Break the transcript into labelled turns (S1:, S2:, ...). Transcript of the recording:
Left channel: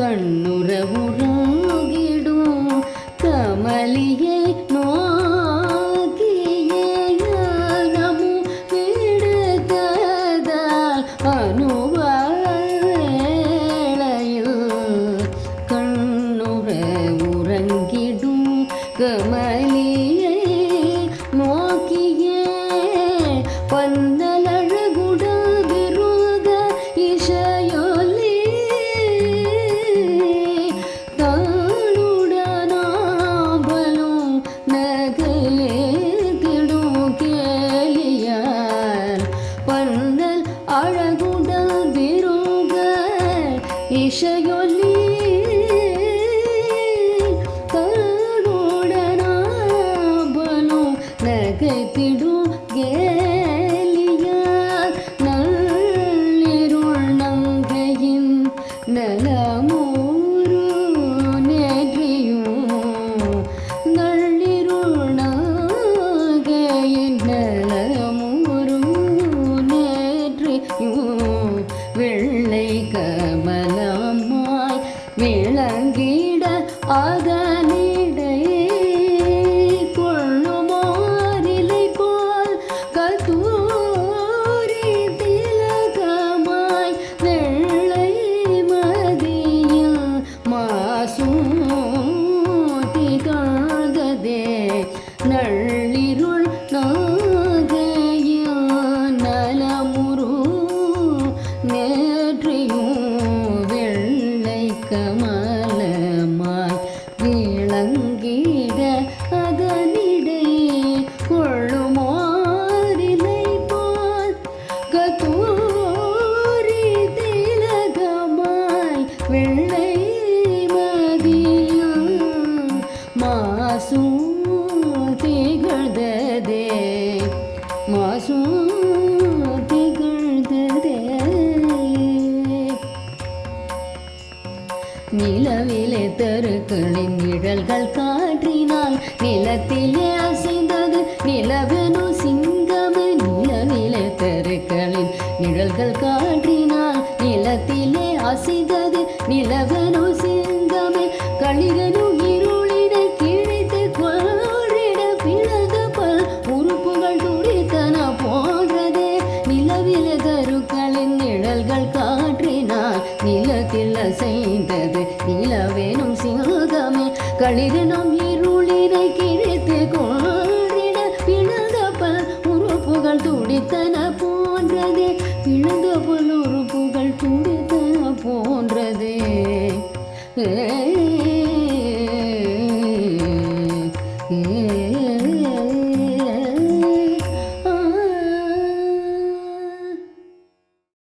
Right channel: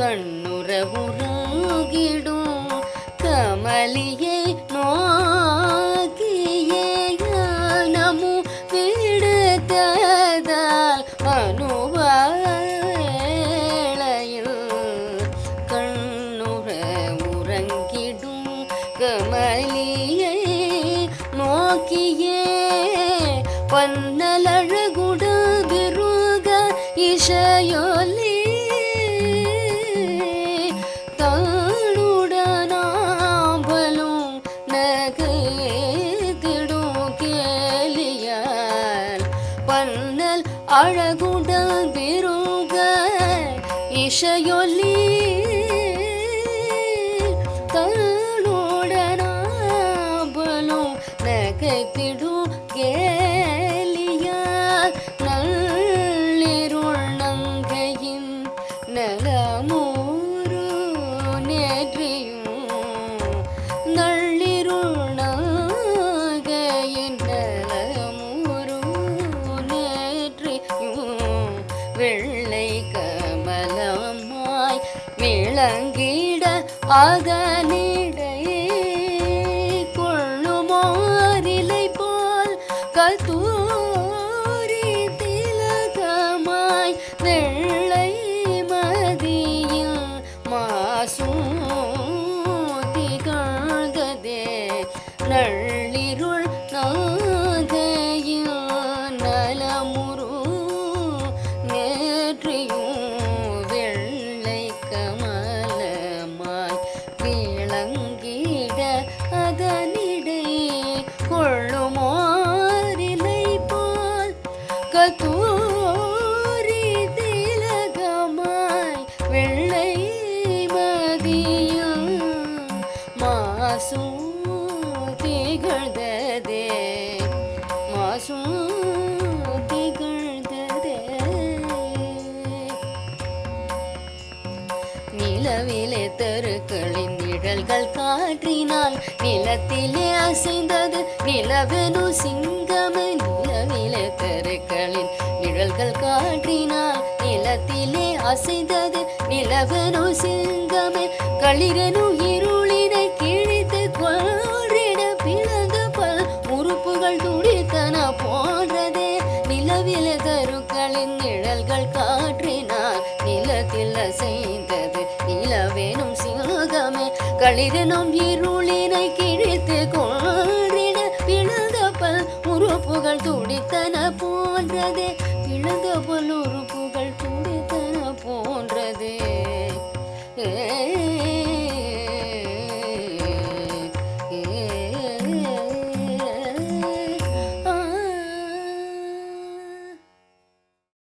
S1: கண்ணுறவுறாகிடும். கமலியே நோக்கியே ஞானமு விடுத்ததால் அனுவாளையில் கண்ணுற உறங்கிடும் கமலியே பன்னல் விருக இசையொலி தாளுடனாம்பலும் நகைத்திடும் விளங்கிட கொள்ளுமாறிலை போல் கத்தூரி திலகமாய் வெள்ளை மதியில் மாசும் திகழ்கதே நள்ளிருள் நாகையில் நலமுரு நேற்றையும் நிலவிலே தெருக்களின் நிழல்கள் காற்றினால் நிலத்திலே அசைந்த நிலத்திலே அசைந்தது நிலவெனு சிங்கமே களிரனு இருளினை கிழித்து கொள்ளிட பிளந்த பல் உறுப்புகள் துடித்தன போன்றதே. நிலவில கருக்களின் நிழல்கள் காற்றினால் நிலத்தில் அசைந்தது நிலவேனும் சிங்கமே களிரனும் இருளினை கிழித்து கொள்ளிட பிளந்த பல் உறுப்புகள் துடித்தன போன்றதே.